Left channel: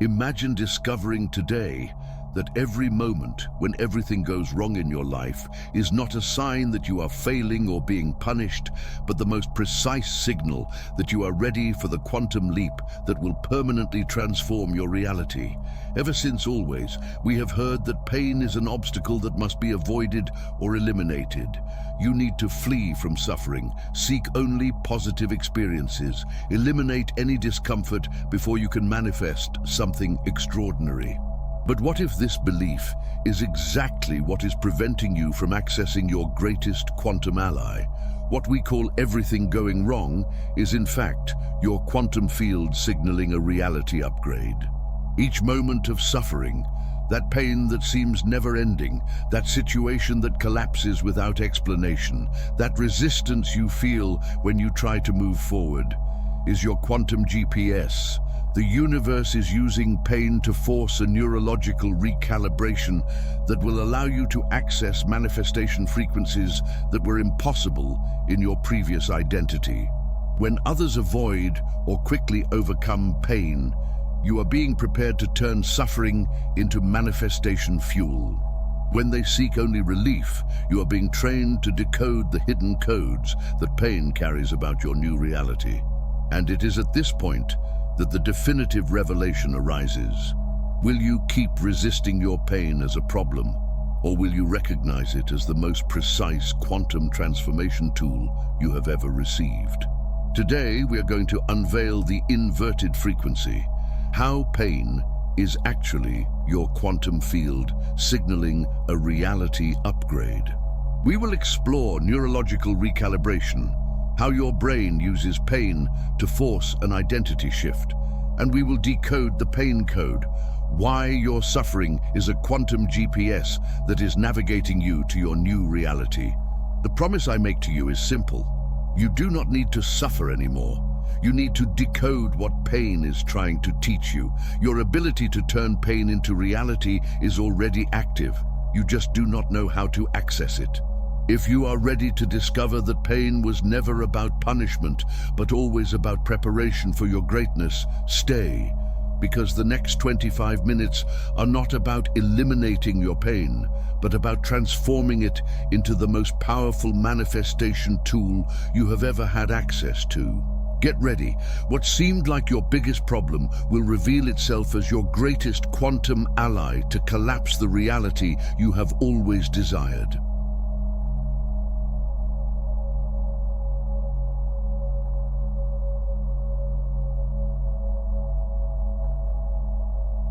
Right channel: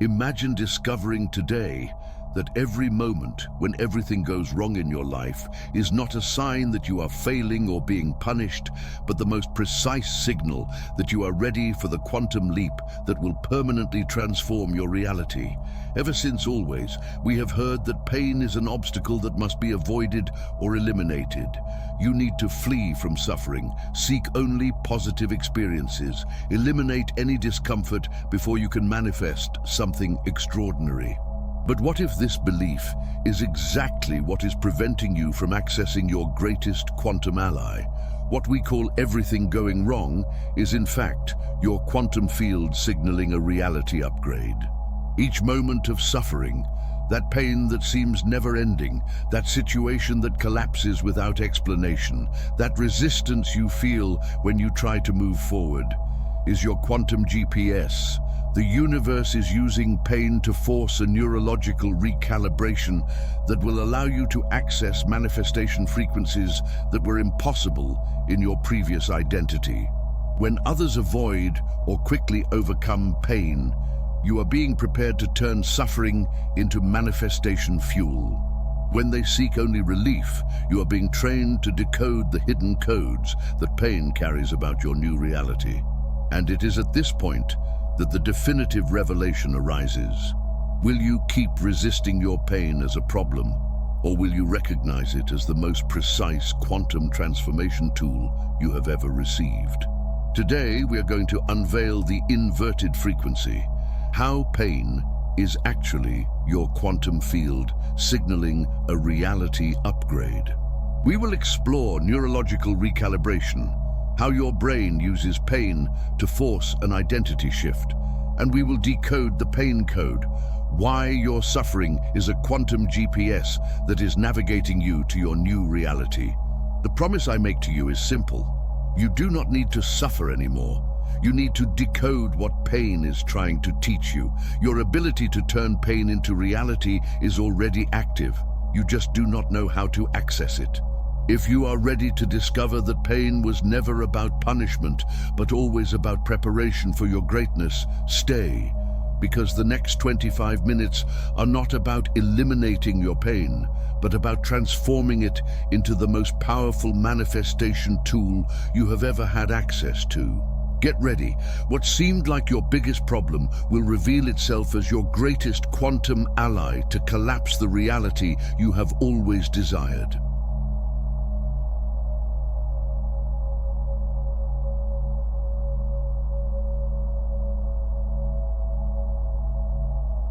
Imagine discovering today that every moment when everything goes wrong in your life is not a sign that you are failing or being punished, but the most precise signal that you are ready for the quantum leap that will permanently transform your reality. Ever since always, we have heard that pain is an obstacle that must be avoided or eliminated. You need to flee from suffering, seek only positive experiences, eliminate any discomfort before you can manifest something extraordinary. But what if this belief is exactly what is preventing you from accessing your greatest quantum ally? What we call everything going wrong is in fact your quantum field signaling a reality upgrade. Each moment of suffering, that pain that seems never-ending, that situation that collapses without explanation, that resistance you feel when you try to move forward, is your quantum GPS. The universe is using pain to force a neurological recalibration that will allow you to access manifestation frequencies that were impossible in your previous identity. When others avoid or quickly overcome pain, you are being prepared to turn suffering into manifestation fuel. When they seek only relief, you are being trained to decode the hidden codes that pain carries about your new reality. And it is at this point that the definitive revelation arises. Will you keep resisting your pain as a problem, or will you recognize it as the most precise quantum transformation tool you have ever received? Today, we are going to unveil the inverted frequency, how pain is actually your quantum field signaling a reality upgrade. We will explore neurological recalibration, how your brain uses pain to force an identity shift, and we will decode the pain code, why your suffering is a quantum GPS that is navigating you to your new reality. The promise I make to you is simple. You do not need to suffer anymore. You need to decode what pain is trying to teach you. Your ability to turn pain into reality is already active. You just do not know how to access it. If you are ready to discover that pain was never about punishment, but always about preparation for your greatness, stay, because the next 25 minutes are not about eliminating your pain, but about transforming it into the most powerful manifestation tool you have ever had access to. Get ready. What seemed like your biggest problem will reveal itself as your greatest quantum ally to collapse the reality you have always desired.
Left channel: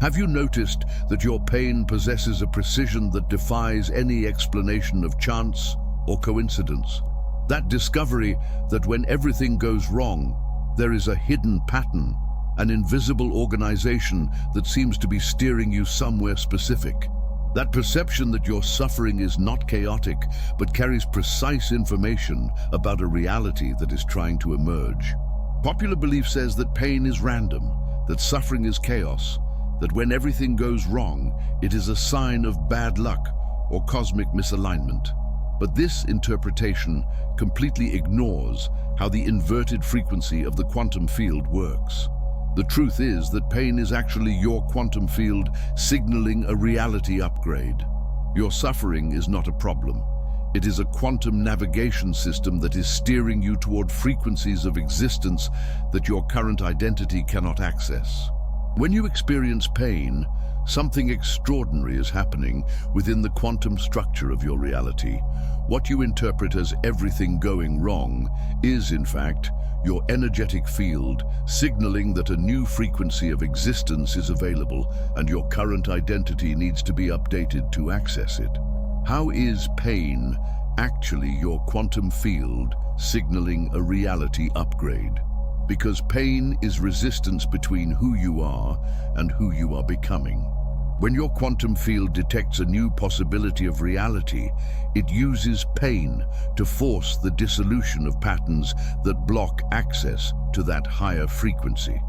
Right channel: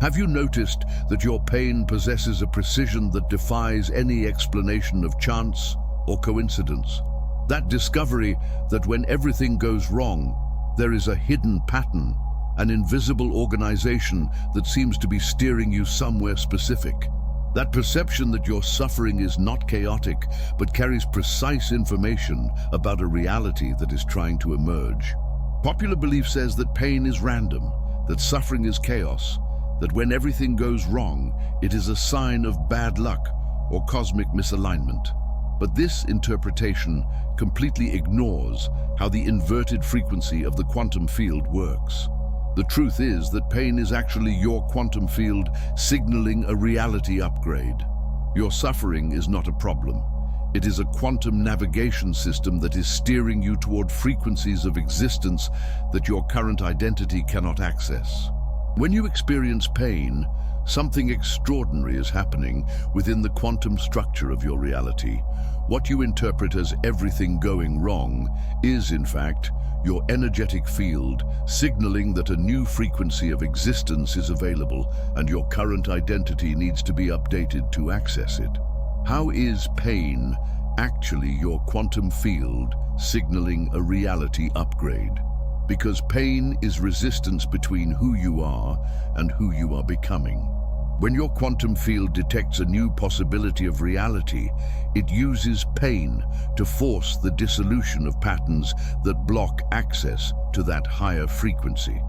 Have you noticed that your pain possesses a precision that defies any explanation of chance or coincidence? That discovery that when everything goes wrong, there is a hidden pattern, an invisible organization that seems to be steering you somewhere specific. That perception that your suffering is not chaotic, but carries precise information about a reality that is trying to emerge. Popular belief says that pain is random, that suffering is chaos, that when everything goes wrong, it is a sign of bad luck or cosmic misalignment. But this interpretation completely ignores how the inverted frequency of the quantum field works. The truth is that pain is actually your quantum field signaling a reality upgrade. Your suffering is not a problem. It is a quantum navigation system that is steering you toward frequencies of existence that your current identity cannot access. When you experience pain, something extraordinary is happening within the quantum structure of your reality. What you interpret as everything going wrong is, in fact, your energetic field signaling that a new frequency of existence is available and your current identity needs to be updated to access it. How is pain actually your quantum field signaling a reality upgrade? Because pain is resistance between who you are and who you are becoming. When your quantum field detects a new possibility of reality, it uses pain to force the dissolution of patterns that block access to that higher frequency.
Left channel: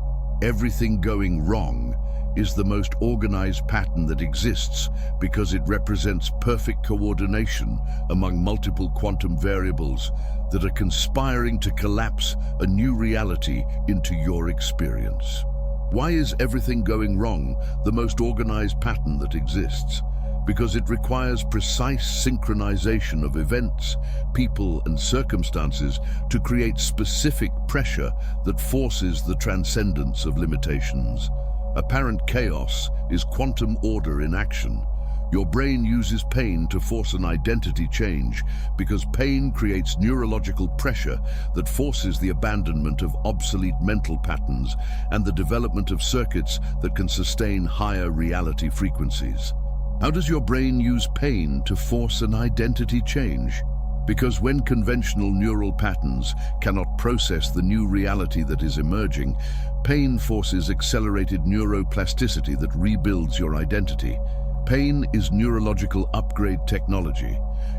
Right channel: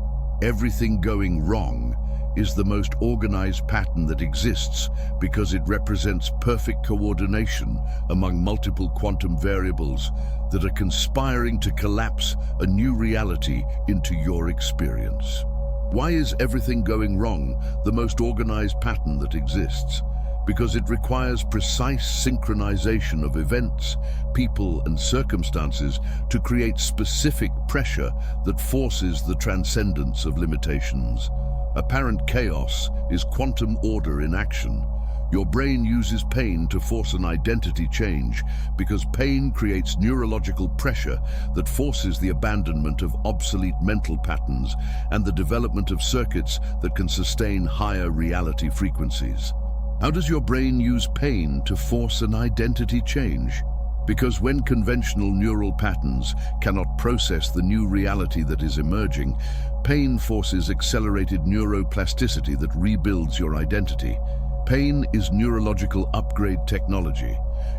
Everything going wrong is the most organized pattern that exists because it represents perfect coordination among multiple quantum variables that are conspiring to collapse a new reality into your experience. Why is everything going wrong the most organized pattern that exists? Because it requires precise synchronization of events, people, and circumstances to create specific pressure that forces the transcendence of limitations. Apparent chaos is quantum order in action. Your brain uses pain to force an identity change because pain creates neurological pressure that forces the abandonment of obsolete mental patterns and the development of circuits that can sustain higher reality frequencies. How does your brain use pain to force an identity change? Because when conventional neural patterns cannot process the new reality that is emerging, pain forces accelerated neuroplasticity that rebuilds your identity. Pain is neurological upgrade technology.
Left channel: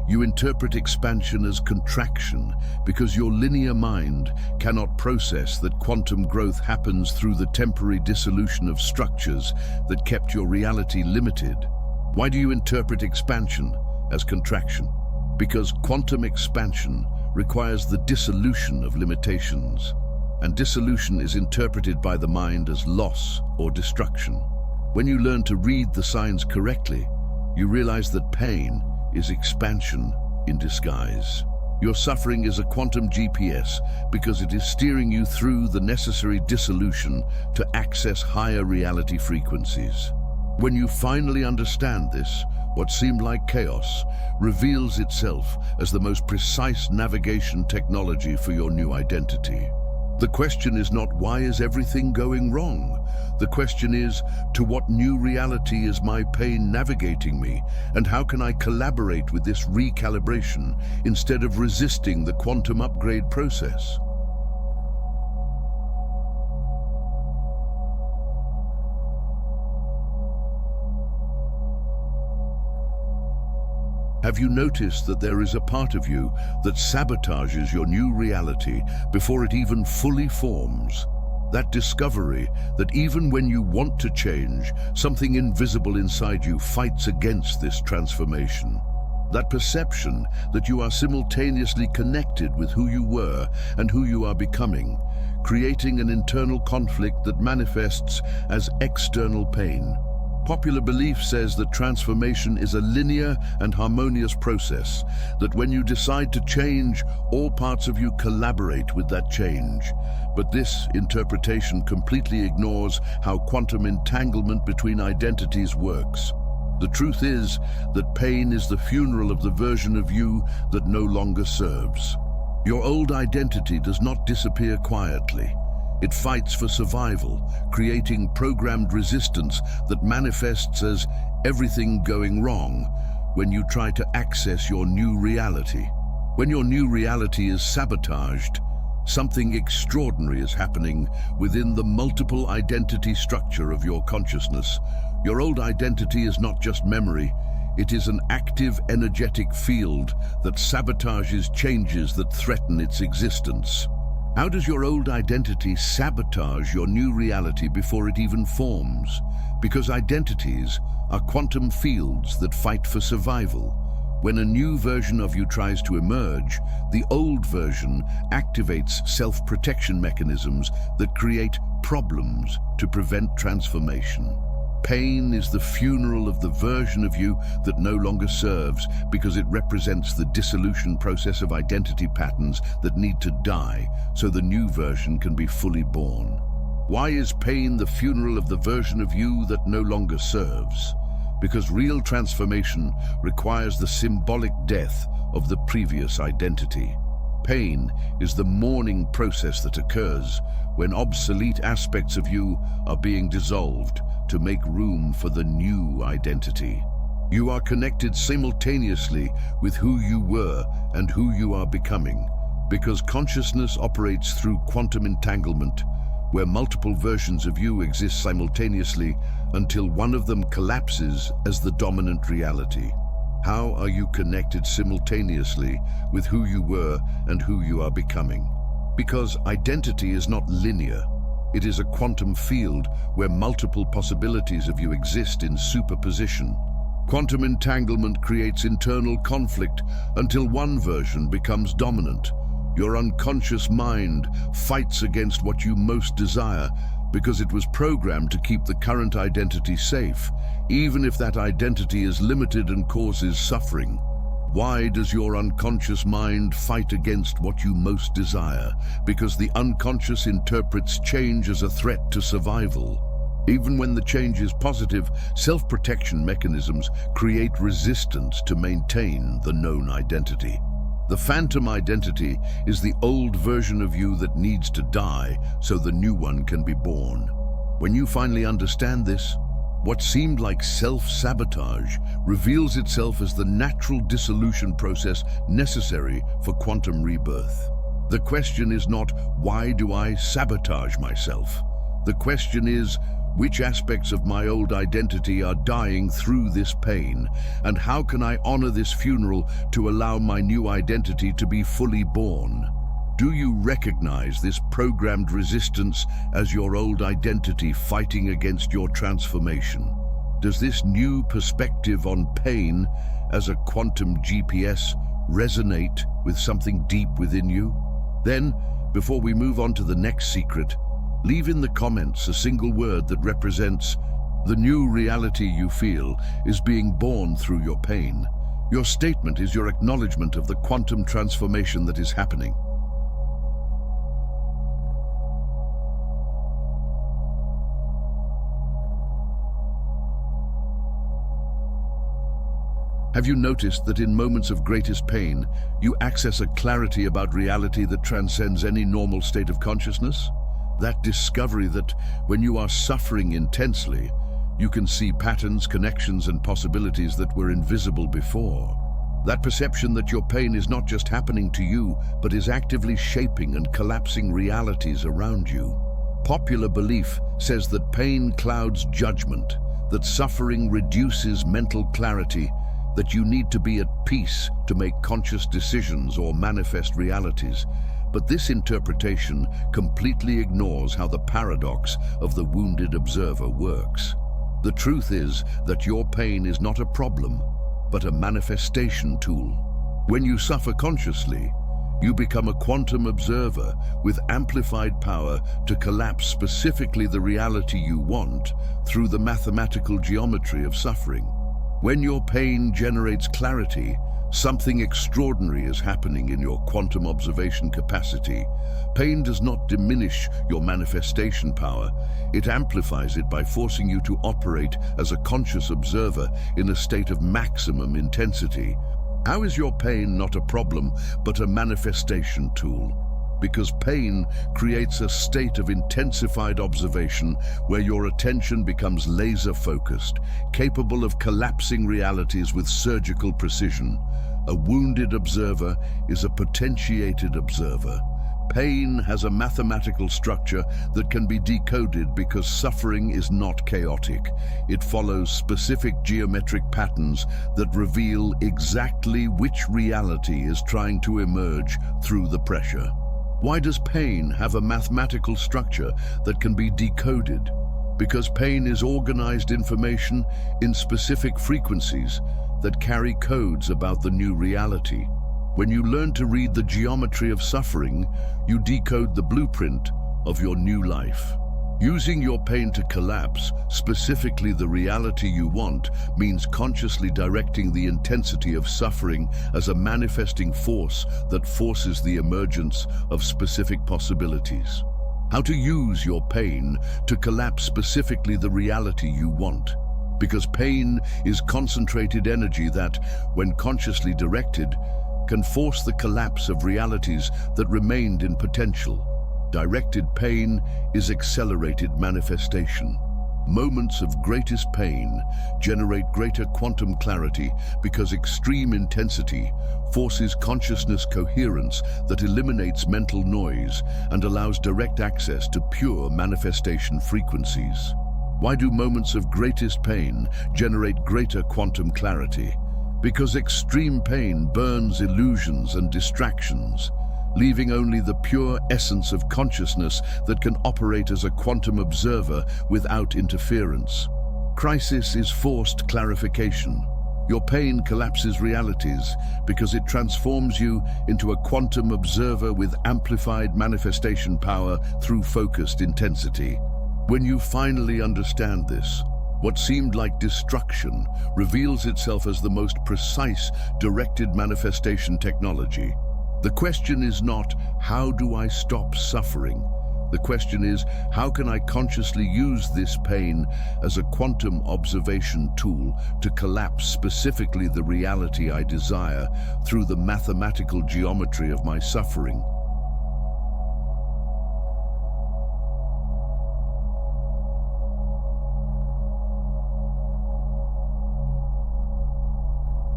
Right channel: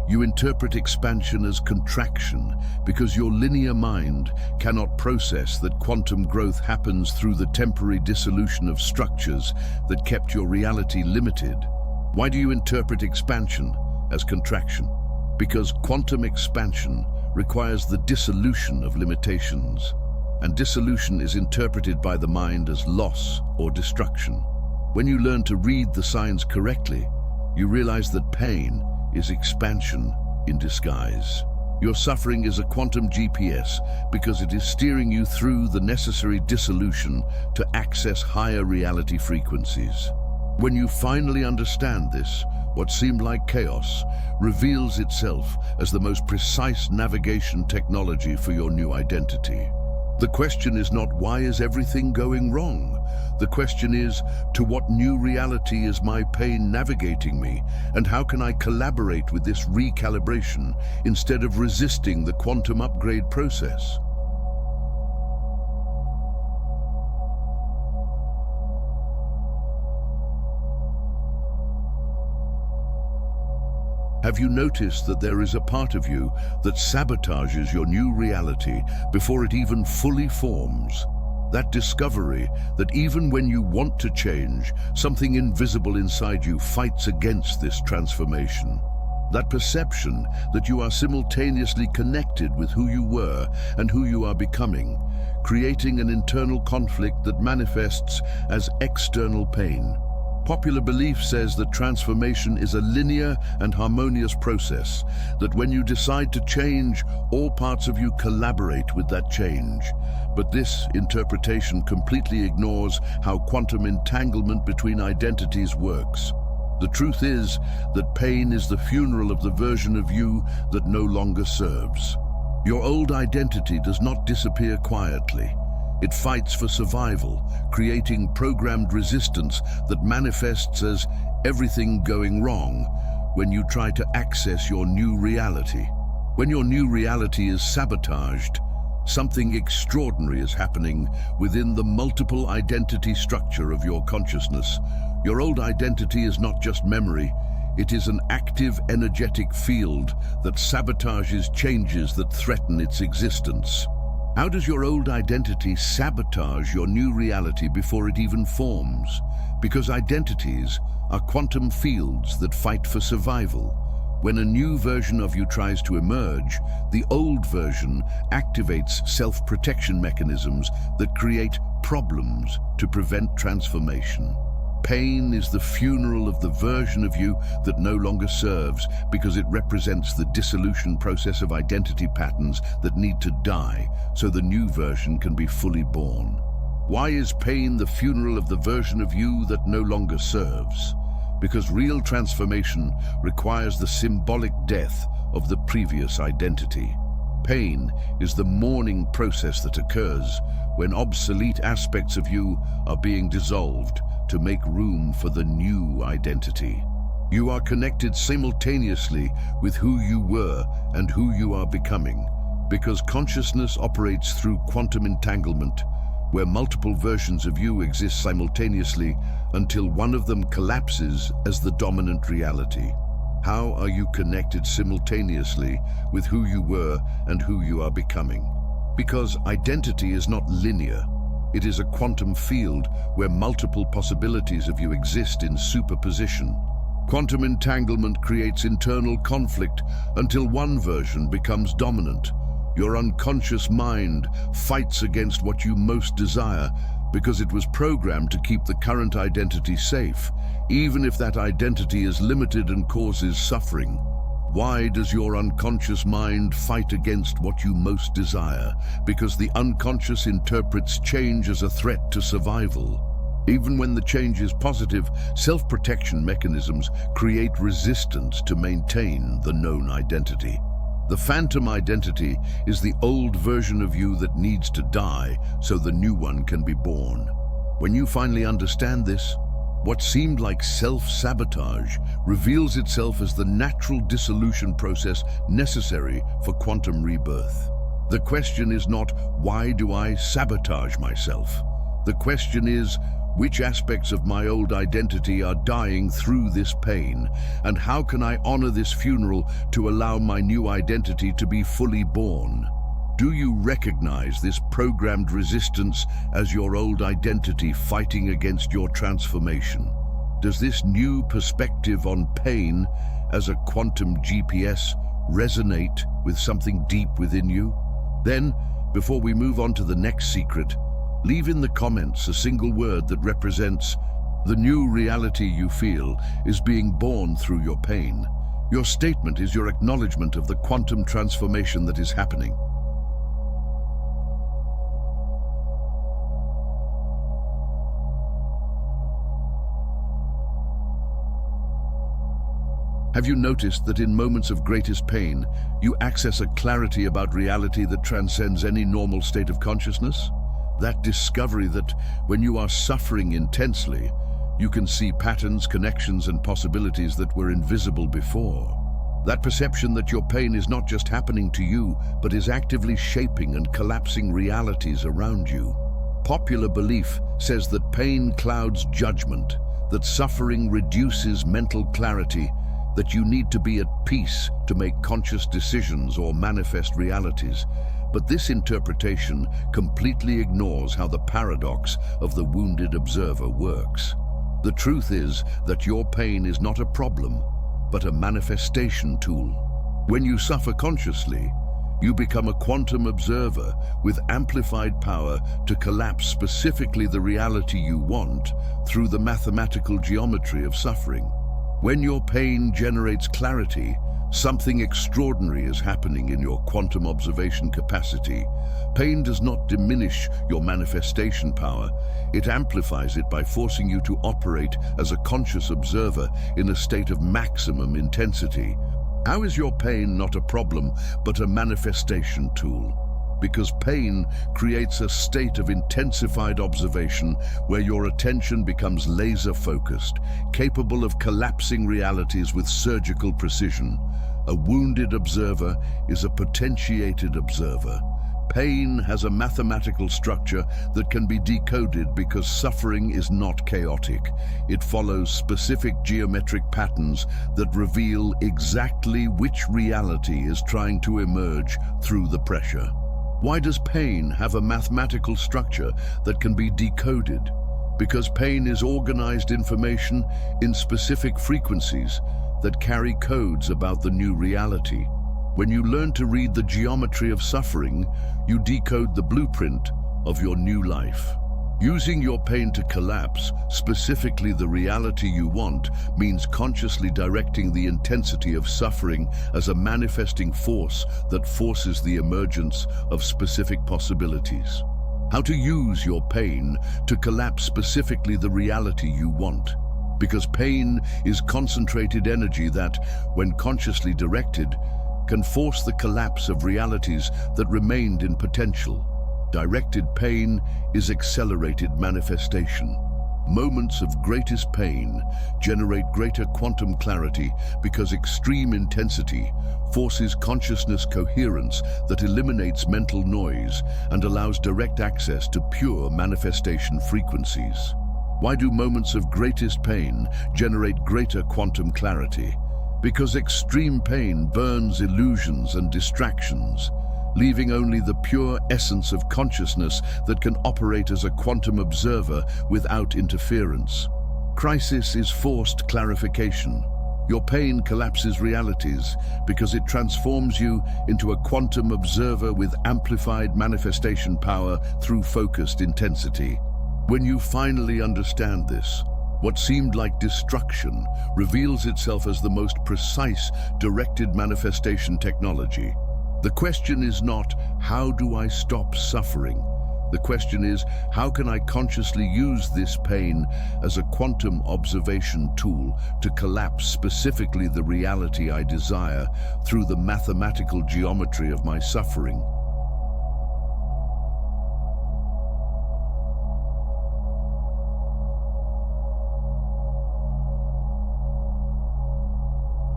You interpret expansion as contraction because your linear mind cannot process that quantum growth happens through the temporary dissolution of structures that kept your reality limited. Why do you interpret expansion as contraction? Because quantum expansion requires the dissolution of limitations, and dissolution is interpreted by the mind as loss or destruction. When you learn to read the signs correctly, you realize that pain is expansion in disguise. Your suffering is a quantum GPS because it is steering you through the necessary dissolution to access higher reality frequencies. When you finally understand this, what seemed like chaos reveals itself as the most precise navigation technology for your new identity. The question is not, why is everything going wrong? The question is, to what new reality is my pain navigating me, and how can I collaborate with this recalibration instead of resisting the quantum upgrade process? Have you noticed that there is a part of you that sabotages your new reality before it even fully forms? That discovery that even when you want to change, something invisible inside you fights against this transformation. That perception that you are simultaneously connected with who you were and who you are becoming, creating an internal conflict that manifests as external pain. Popular belief says that transformation is a linear and harmonious process, that when you decide to change, all parts of you collaborate with that change. But this interpretation completely ignores how quantum entanglement between identities works. The truth is that pain is the funeral of the version of you that no longer serves. Your old identity does not disappear quietly. It fights for survival, creating programmed resistance that manifests as everything going wrong when you try to access your new reality. When your new reality is sabotaged, something extraordinary is happening within the multiple identity structure of your consciousness. Your old identity is not just memory, it is an active, energetic field that sabotages changes that threaten its existence. How does your old identity sabotage your new reality before it even forms? Because identities are quantum fields that fight for survival. When a new version of you tries to emerge, the old version activates self-protection mechanisms that create problems to prevent transformation. Pain is the funeral of the version of you that no longer serves because it represents the dissolution process of identity patterns that need to die so the new version can be fully born. Why is pain the funeral of the version of you that no longer serves? Because real transformation requires the symbolic death of the previous identity. Pain is the mourning process that occurs when obsolete aspects of you are being dissolved to make room for the new identity. You are connected simultaneously with who you were and who you are becoming, because consciousness operates through quantum entanglement, where multiple versions of you exist simultaneously until one of them collapses as the dominant reality. How are you connected simultaneously with who you were and who you are becoming? Because identity is not linear. It is a quantum field where multiple possibilities of you exist in superposition. Quantum entanglement creates internal conflict until one version becomes dominant. Your unconscious mind fights against what you most desire because it was programmed to keep the current identity safe, even if that identity is limited and causes suffering. Why does your unconscious mind fight against what you most desire? Because the unconscious interprets change as a threat to survival. Even when the change is positive, self-protection mechanisms create resistance to maintain the known identity. The phantom identity is the old version of you that needs to die so the new one can be born. When you finally understand this, what seemed like self-sabotage reveals itself as the natural dissolution process necessary for quantum rebirth. The question is not, why do I sabotage myself? The question is, which aspects of my old identity are dying through this pain, and how can I honor this funeral to allow my new identity to be fully born? Do you recognize this programmed resistance as your old identity fighting against your transformation? Does this new perspective on pain as a quantum GPS resonate with something deep within you? Then, before we move on to the next secret, leave in the comments a single word that represents the new reality you feel is being born through your pain. Your statement is your acknowledgement of the quantum transformation that is happening. Have you noticed that in moments of greatest pain, you access a clarity about reality that transcends any normal state of consciousness? That discovery that when you are suffering intensely, you can see patterns, connections, and possibilities that were invisible before. That perception that your pain is not just happening to you, but is actively shaping and collapsing realities around you. Popular belief says that pain clouds judgment, that suffering reduces mental clarity, that you need to be at peace to make conscious decisions or manifest realities. But this interpretation completely ignores how the paradox of the wounded observer works. The truth is that your pain is not a problem, but a manifestation tool. When you suffer consciously, you become a quantum observer with amplified power to collapse specifically the reality you want through the mathematical geometry of suffering. When your pain generates clarity, something extraordinary is happening in your quantum observation capacity. Pain does not diminish your manifestation power. It amplifies it by forcing you to operate as a conscious observer in a state of maximum intensity. How is your pain not a problem, but a manifestation tool? Because pain creates a state of intensified observation where your attention becomes laser-focused, capable of collapsing realities with surgical precision. A wounded observer is a potentiated observer. Pain has a mathematical structure that can be decoded because suffering is not chaotic. It follows specific geometric patterns that reveal exactly which reality is trying to emerge through the pressure. Why does pain have a mathematical structure that can be decoded? Because pain is organized information in specific frequencies that carry codes about the new reality. When you learn to read the geometry of suffering, you decode the blueprint of your new life. Using your pain to collapse, specifically the reality you want, means consciously directing the intensity of suffering as a manifesting force that forces the emergence of specific possibilities. How to use your pain to collapse specifically the reality you want. Because pain is concentrated energy that, when consciously directed, can force the collapse of realities that remained in potential. Directed pain is accelerated manifestation. Moments of greatest pain generate greater quantum clarity because extreme intensity forces consciousness coherence that eliminates mental noise and allows direct access to pure manifestation frequencies. Why do moments of greatest pain generate greater quantum clarity? Because extreme pain burns illusions and distractions, leaving only the pure essence of consciousness that can operate as a quantum observer without interference. Crisis is forced clarification. Your pain collapses realities because it transforms you into a quantum observer with amplified manifestation power through focused intensity. When you finally understand this, what seemed like destruction reveals itself as the most precise, directed manifestation technology. The question is not, how do I stop suffering? The question is, how can I consciously use this pain as a quantum observation tool to collapse specifically the reality I desire through the mathematical geometry of my suffering?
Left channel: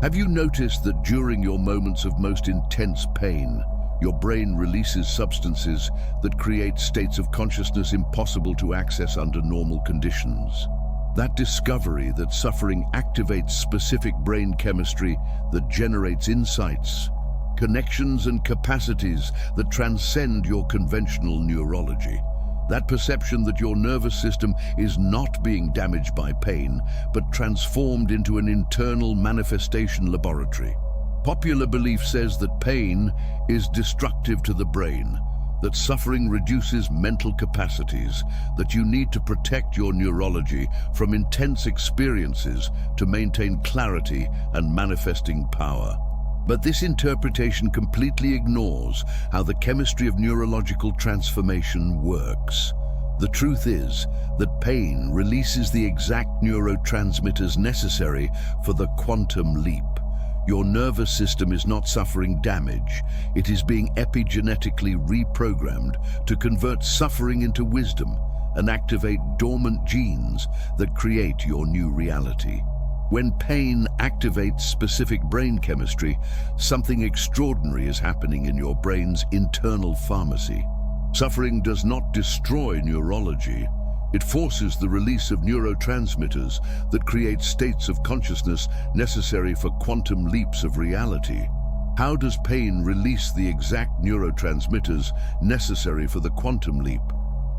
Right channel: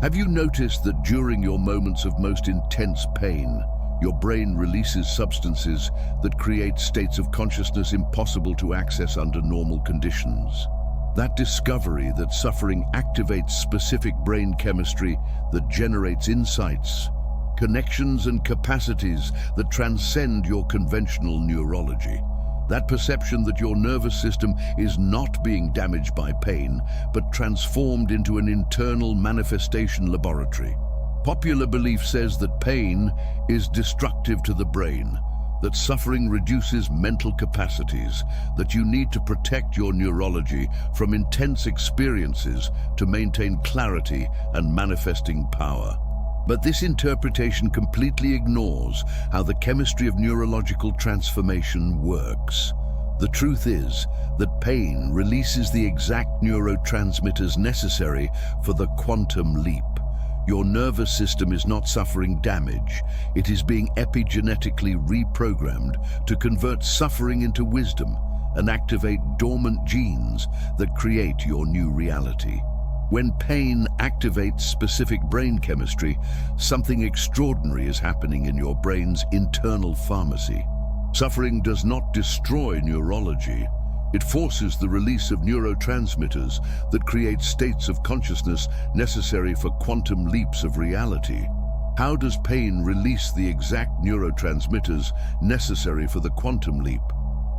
Have you noticed that during your moments of most intense pain, your brain releases substances that create states of consciousness impossible to access under normal conditions? That discovery that suffering activates specific brain chemistry that generates insights, connections and capacities that transcend your conventional neurology. That perception that your nervous system is not being damaged by pain, but transformed into an internal manifestation laboratory. Popular belief says that pain is destructive to the brain, that suffering reduces mental capacities, that you need to protect your neurology from intense experiences to maintain clarity and manifesting power. But this interpretation completely ignores how the chemistry of neurological transformation works. The truth is that pain releases the exact neurotransmitters necessary for the quantum leap. Your nervous system is not suffering damage. It is being epigenetically reprogrammed to convert suffering into wisdom and activate dormant genes that create your new reality. When pain activates specific brain chemistry, something extraordinary is happening in your brain's internal pharmacy. Suffering does not destroy neurology. It forces the release of neurotransmitters that create states of consciousness necessary for quantum leaps of reality. How does pain release the exact neurotransmitters necessary for the quantum leap?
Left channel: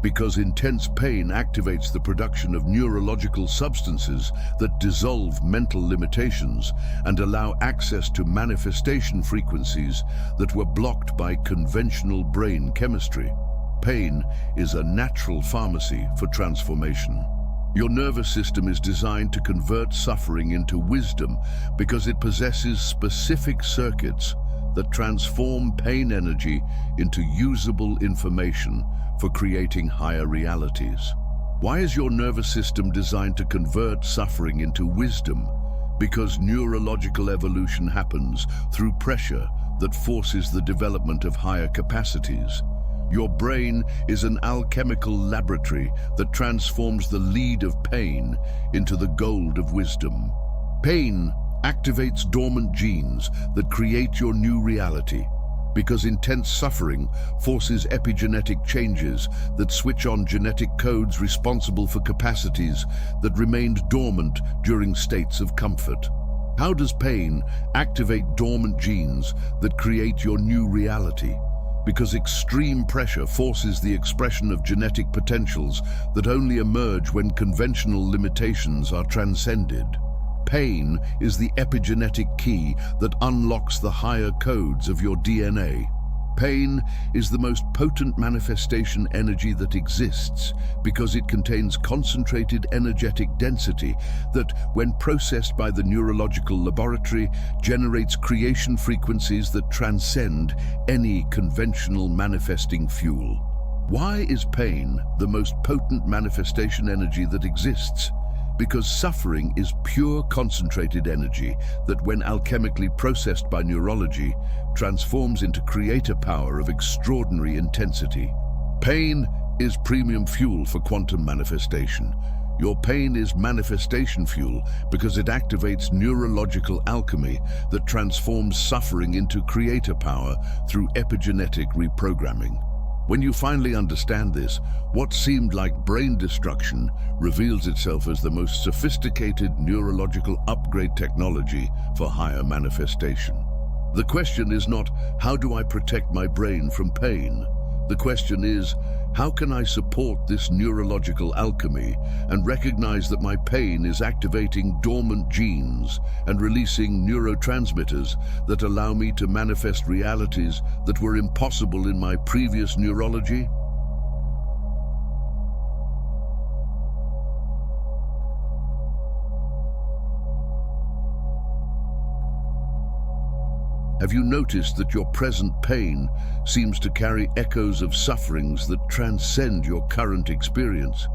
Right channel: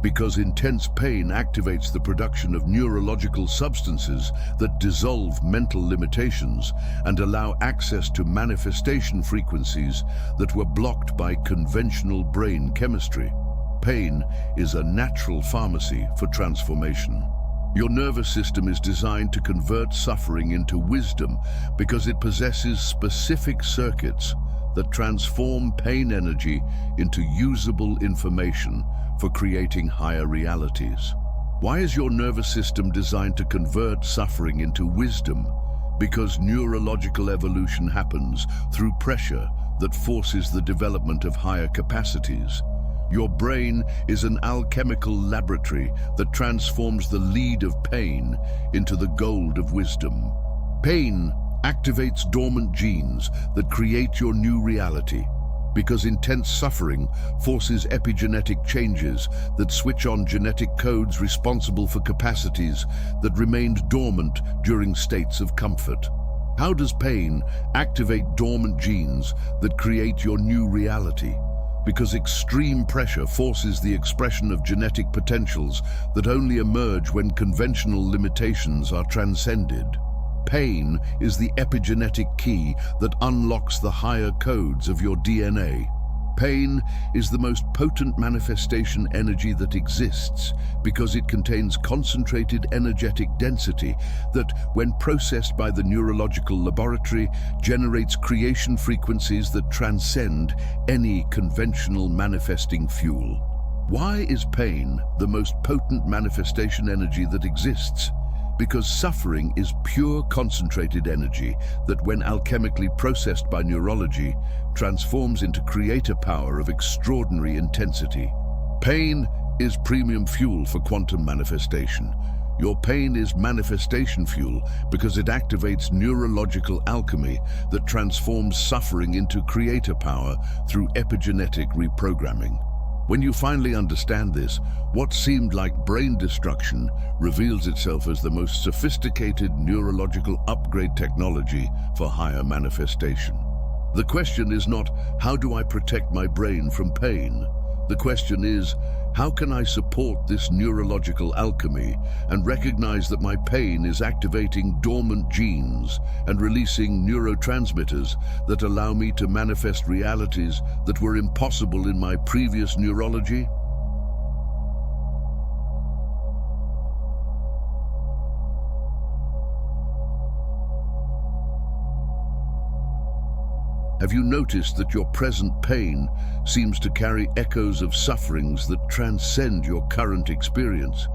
Because intense pain activates the production of neurological substances that dissolve mental limitations and allow access to manifestation frequencies that were blocked by conventional brain chemistry. Pain is a natural pharmacy for transformation. Your nervous system is designed to convert suffering into wisdom because it possesses specific circuits that transform pain energy into usable information for creating higher realities. Why is your nervous system designed to convert suffering into wisdom? Because neurological evolution happens through pressure that forces the development of higher capacities. Your brain is an alchemical laboratory that transforms the lead of pain into the gold of wisdom. Pain activates dormant genes that create your new reality, because intense suffering forces epigenetic changes that switch on genetic codes responsible for capacities that remained dormant during states of comfort. How does pain activate dormant genes that create your new reality? Because extreme pressure forces the expression of genetic potentials that only emerge when conventional limitations are transcended. Pain is the epigenetic key that unlocks the higher codes of your DNA. Pain is the most potent manifestation energy that exists because it contains concentrated energetic density that, when processed by the neurological laboratory, generates creation frequencies that transcend any conventional manifesting fuel. Why is pain the most potent manifestation energy that exists? Because suffering is pure concentrated energy that, when alchemically processed by neurology, transforms into creator power of extraordinary intensity. Pain is premium fuel for quantum manifestation. Your pain is manifestation fuel because it activates neurological alchemy that transforms suffering into creator power through epigenetic reprogramming. When you finally understand this, what seemed like brain destruction reveals itself as the most sophisticated neurological upgrade technology for higher manifestation. The question is not, how do I protect my brain from pain? The question is, how can I support this neurological alchemy and recognize that my pain is activating dormant genes and releasing neurotransmitters that allow me to manifest realities that were impossible in my previous neurology? Have you noticed that your present pain seems to carry echoes of sufferings that transcend your current experience,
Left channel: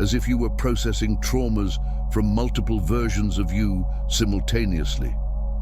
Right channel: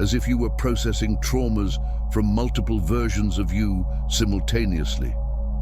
as if you were processing traumas from multiple versions of you simultaneously?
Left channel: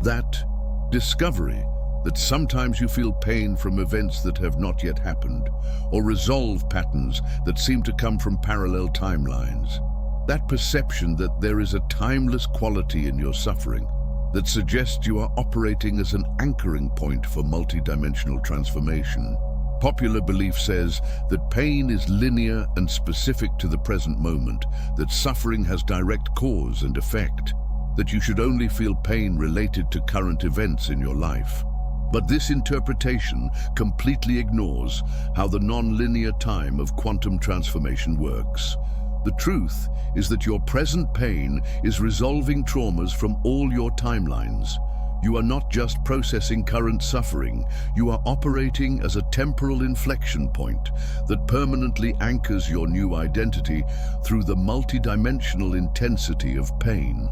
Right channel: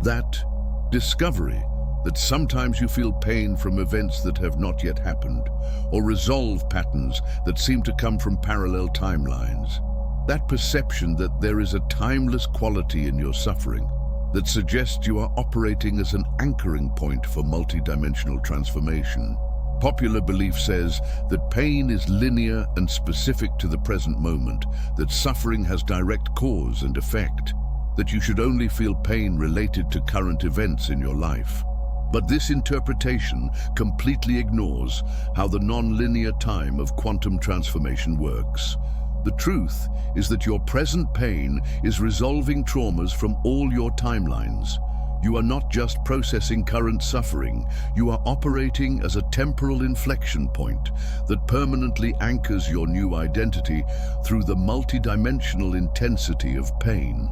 That discovery that sometimes you feel pain from events that have not yet happened, or resolve patterns that seem to come from parallel timelines. That perception that there is a timeless quality in your suffering that suggests you are operating as an anchoring point for multidimensional transformation. Popular belief says that pain is linear and specific to the present moment, that suffering has direct cause and effect, that you should only feel pain related to current events in your life. But this interpretation completely ignores how the non-linear time of quantum transformation works. The truth is that your present pain is resolving traumas from all your timelines. You are not just processing current suffering, you are operating as a temporal inflection point that permanently anchors your new identity through the multidimensional intensity of pain.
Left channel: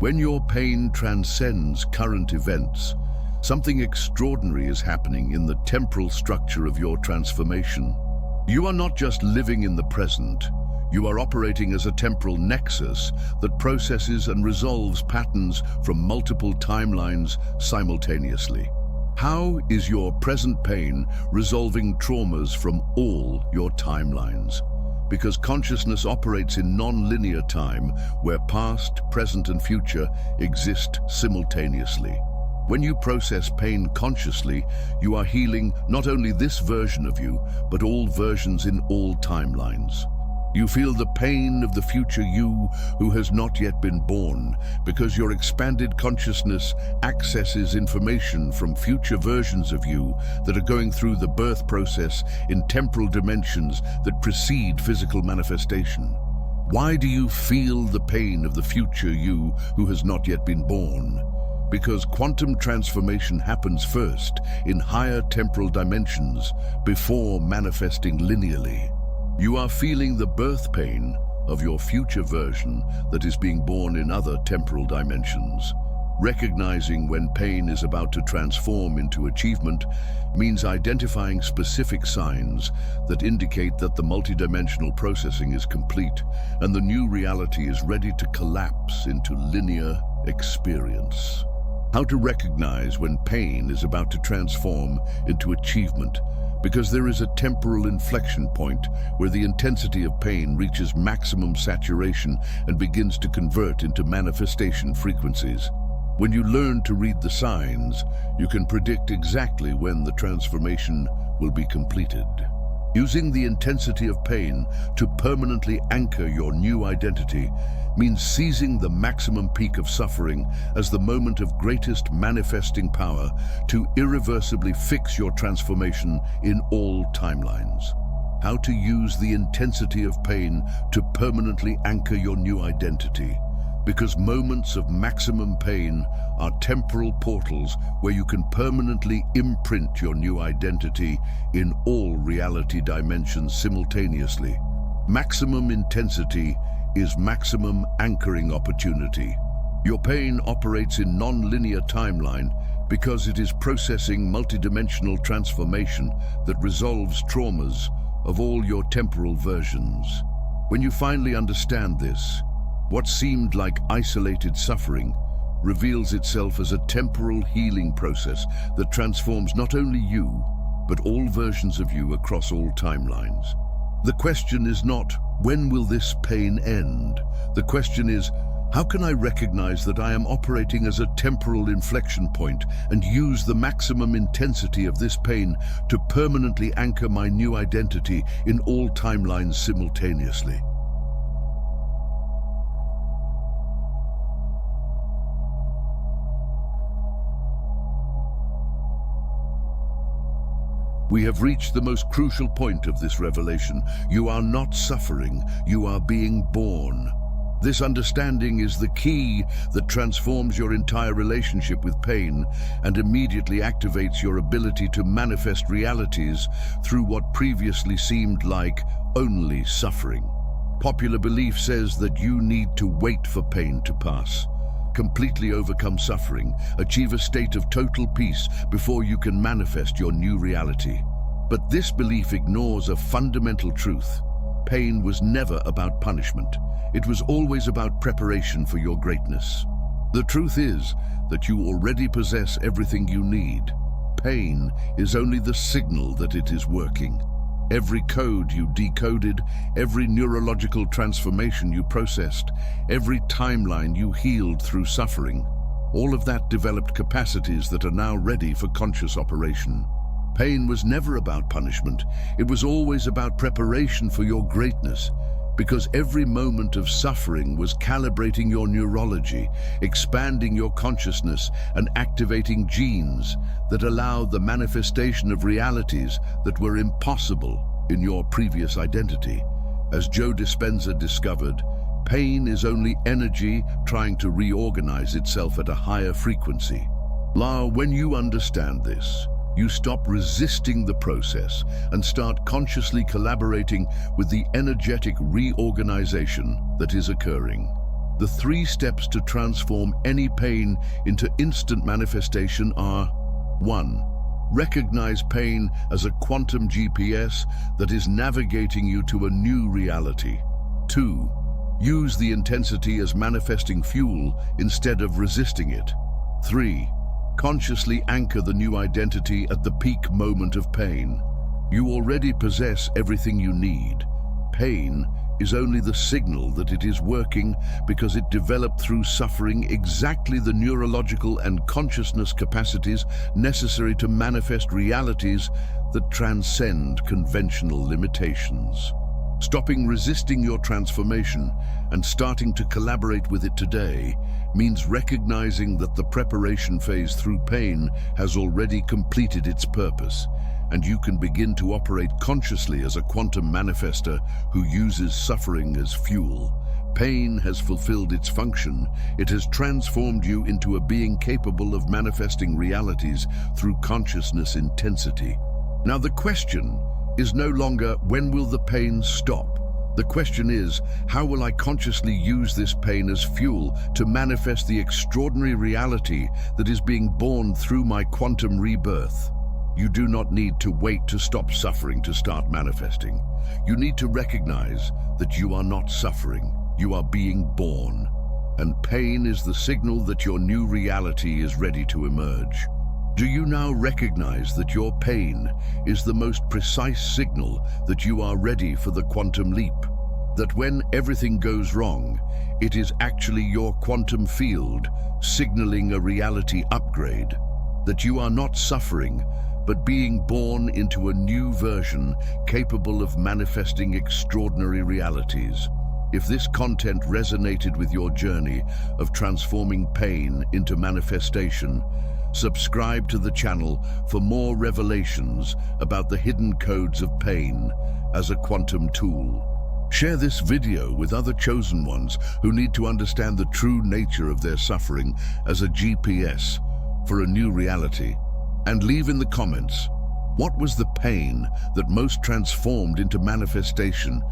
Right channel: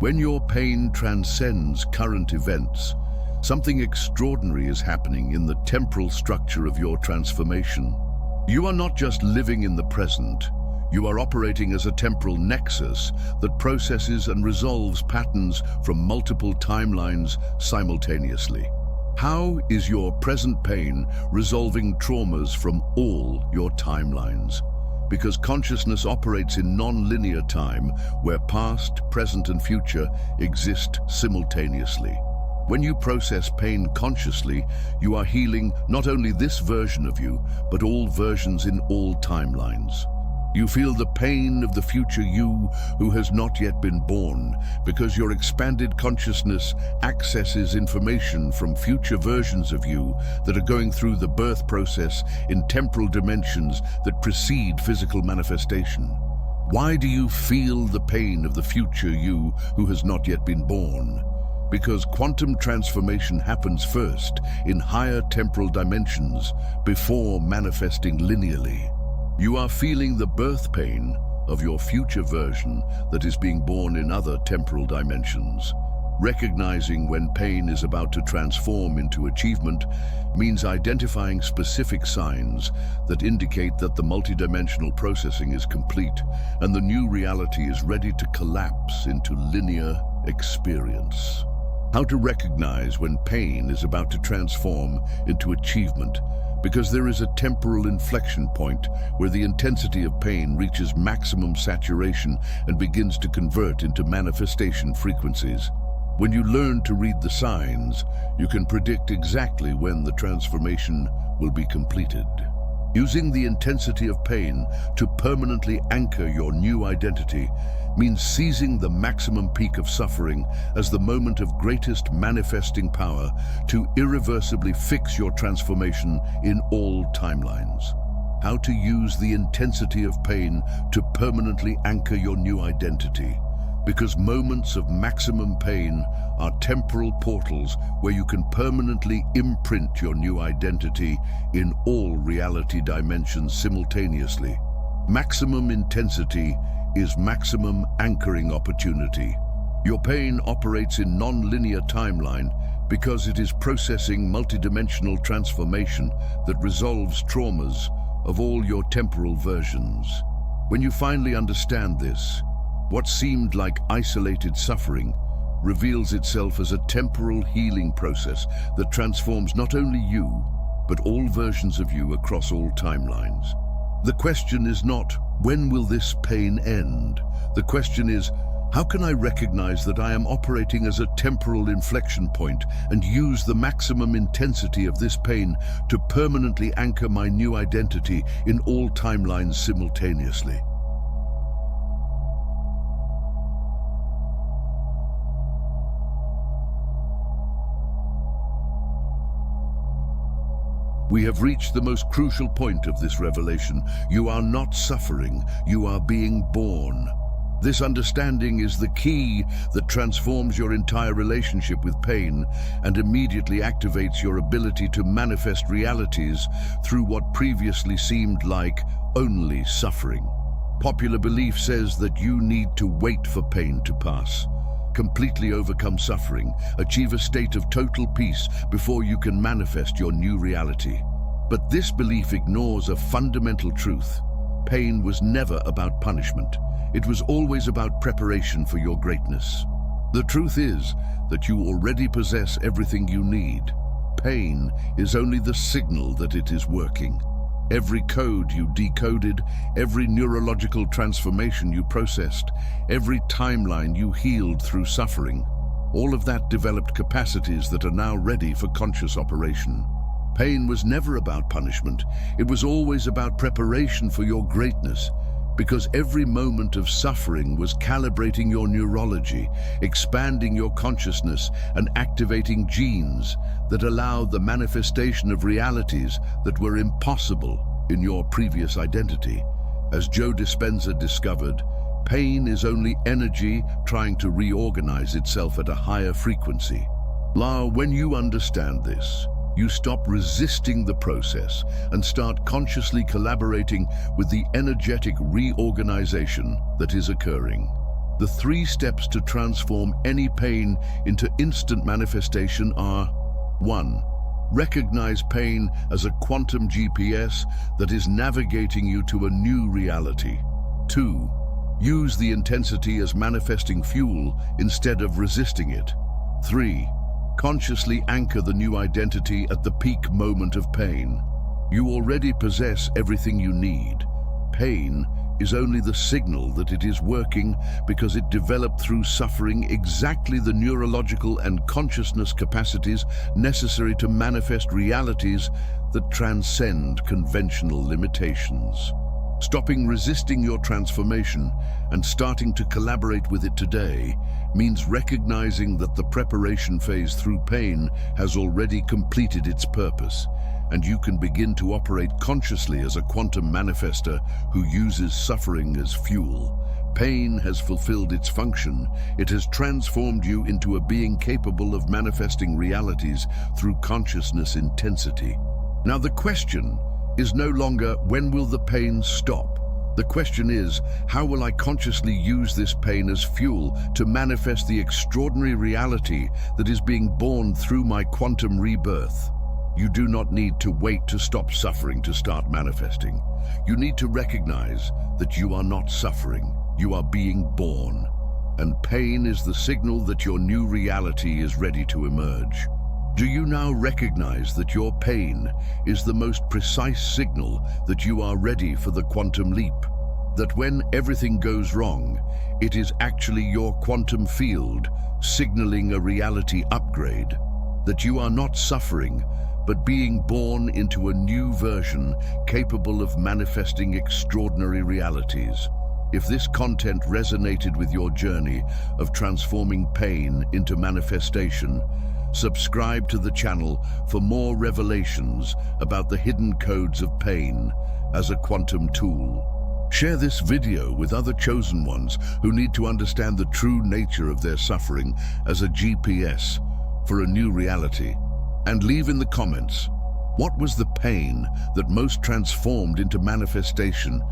When your pain transcends current events, something extraordinary is happening in the temporal structure of your transformation. You are not just living in the present, you are operating as a temporal nexus that processes and resolves patterns from multiple timelines simultaneously. How is your present pain resolving traumas from all your timelines? Because consciousness operates in non-linear time, where past, present, and future exist simultaneously. When you process pain consciously, you are healing not only this version of you, but all versions in all timelines. You feel the pain of the future you who has not yet been born, because your expanded consciousness accesses information from future versions of you that are going through the birth process in temporal dimensions that precede physical manifestation. Why do you feel the pain of the future you who has not yet been born? Because quantum transformation happens first in higher temporal dimensions before manifesting linearly. You are feeling the birth pain of your future version that is being born in other temporal dimensions. Recognizing when pain is about to transform into achievement means identifying specific signs that indicate that the multidimensional processing is complete and the new reality is ready to collapse into linear experience. How to recognize when pain is about to transform into achievement, because there is a temporal inflection point where the intensity of pain reaches maximum saturation and begins to convert into manifestation frequencies. When you learn to read the signs, you can predict exactly when the transformation will be completed. Using the intensity of pain to permanently anchor your new identity means seizing the maximum peak of suffering as the moment of greatest manifesting power to irreversibly fix your transformation in all timelines. How to use the intensity of pain to permanently anchor your new identity. Because moments of maximum pain are temporal portals where you can permanently imprint your new identity in all reality dimensions simultaneously. Maximum intensity is maximum anchoring opportunity. Your pain operates in non-linear timeline because it is processing multidimensional transformation that resolves traumas of all your temporal versions. When you finally understand this, what seemed like isolated suffering reveals itself as a temporal healing process that transforms not only you, but all versions of you across all timelines. The question is not, when will this pain end? The question is, how can I recognize that I am operating as a temporal inflection point and use the maximum intensity of this pain to permanently anchor my new identity in all timelines simultaneously? We have reached the most crucial point of this revelation. You are not suffering, you are being born. This understanding is the key that transforms your entire relationship with pain and immediately activates your ability to manifest realities through what previously seemed like only suffering. Popular belief says that you need to wait for pain to pass. completely overcome suffering, achieve a state of total peace before you can manifest your new reality. But this belief ignores a fundamental truth. Pain was never about punishment. It was always about preparation for your greatness. The truth is that you already possess everything you need. Pain is only the signal that it is working. Every code you decoded, every neurological transformation you processed, every timeline you healed through suffering, all of that developed capacities that are now ready for conscious operation. Pain was never about punishment. It was always about preparation for your greatness, because every moment of suffering was calibrating your neurology, expanding your consciousness, and activating genes that allowed the manifestation of realities that were impossible in your previous identity. As Joe Dispenza discovered, pain is only energy trying to reorganize itself at a higher frequency. When you understand this, you stop resisting the process and start consciously collaborating with the energetic reorganization that is occurring. The 3 steps to transform any pain into instant manifestation are: 1. Recognize pain as a quantum GPS that is navigating you to a new reality. 2. Use the intensity as manifesting fuel instead of resisting it. 3. Consciously anchor the new identity at the peak moment of pain. You already possess everything you need. Pain is only the signal that it is working because it developed through suffering exactly the neurological and consciousness capacities necessary to manifest realities that transcend conventional limitations. Stopping resisting your transformation and starting to collaborate with it today means recognizing that the preparation phase through pain has already completed its purpose, and you can begin to operate consciously as a quantum manifester who uses suffering as fuel. Pain has fulfilled its function. It has transformed you into a being capable of manifesting realities through consciousness intensity. Now the question is no longer, when will the pain stop? The question is, how will I consciously use this pain as fuel to manifest the extraordinary reality that is being born through my quantum rebirth? You do not need to wait to stop suffering to start manifesting. You need to recognize that you are not suffering, you are being born. And pain is the signal that your new reality is ready to emerge. Do you now recognize that your pain is the most precise signal that you are ready for the quantum leap? That when everything goes wrong, it is actually your quantum field signaling a reality upgrade? That you are not suffering, but being born into a new version capable of manifesting extraordinary realities? If this content resonated with your journey of transforming pain into manifestation, subscribe to the channel for more revelations about the hidden codes of pain as a quantum tool. Share this video with other chosen ones who need to understand the true nature of their suffering as a GPS for a new reality. And leave in the comments, what was the pain that most transformed into manifestation,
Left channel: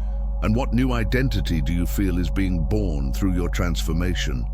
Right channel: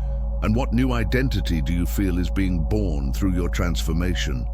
and what new identity do you feel is being born through your transformation?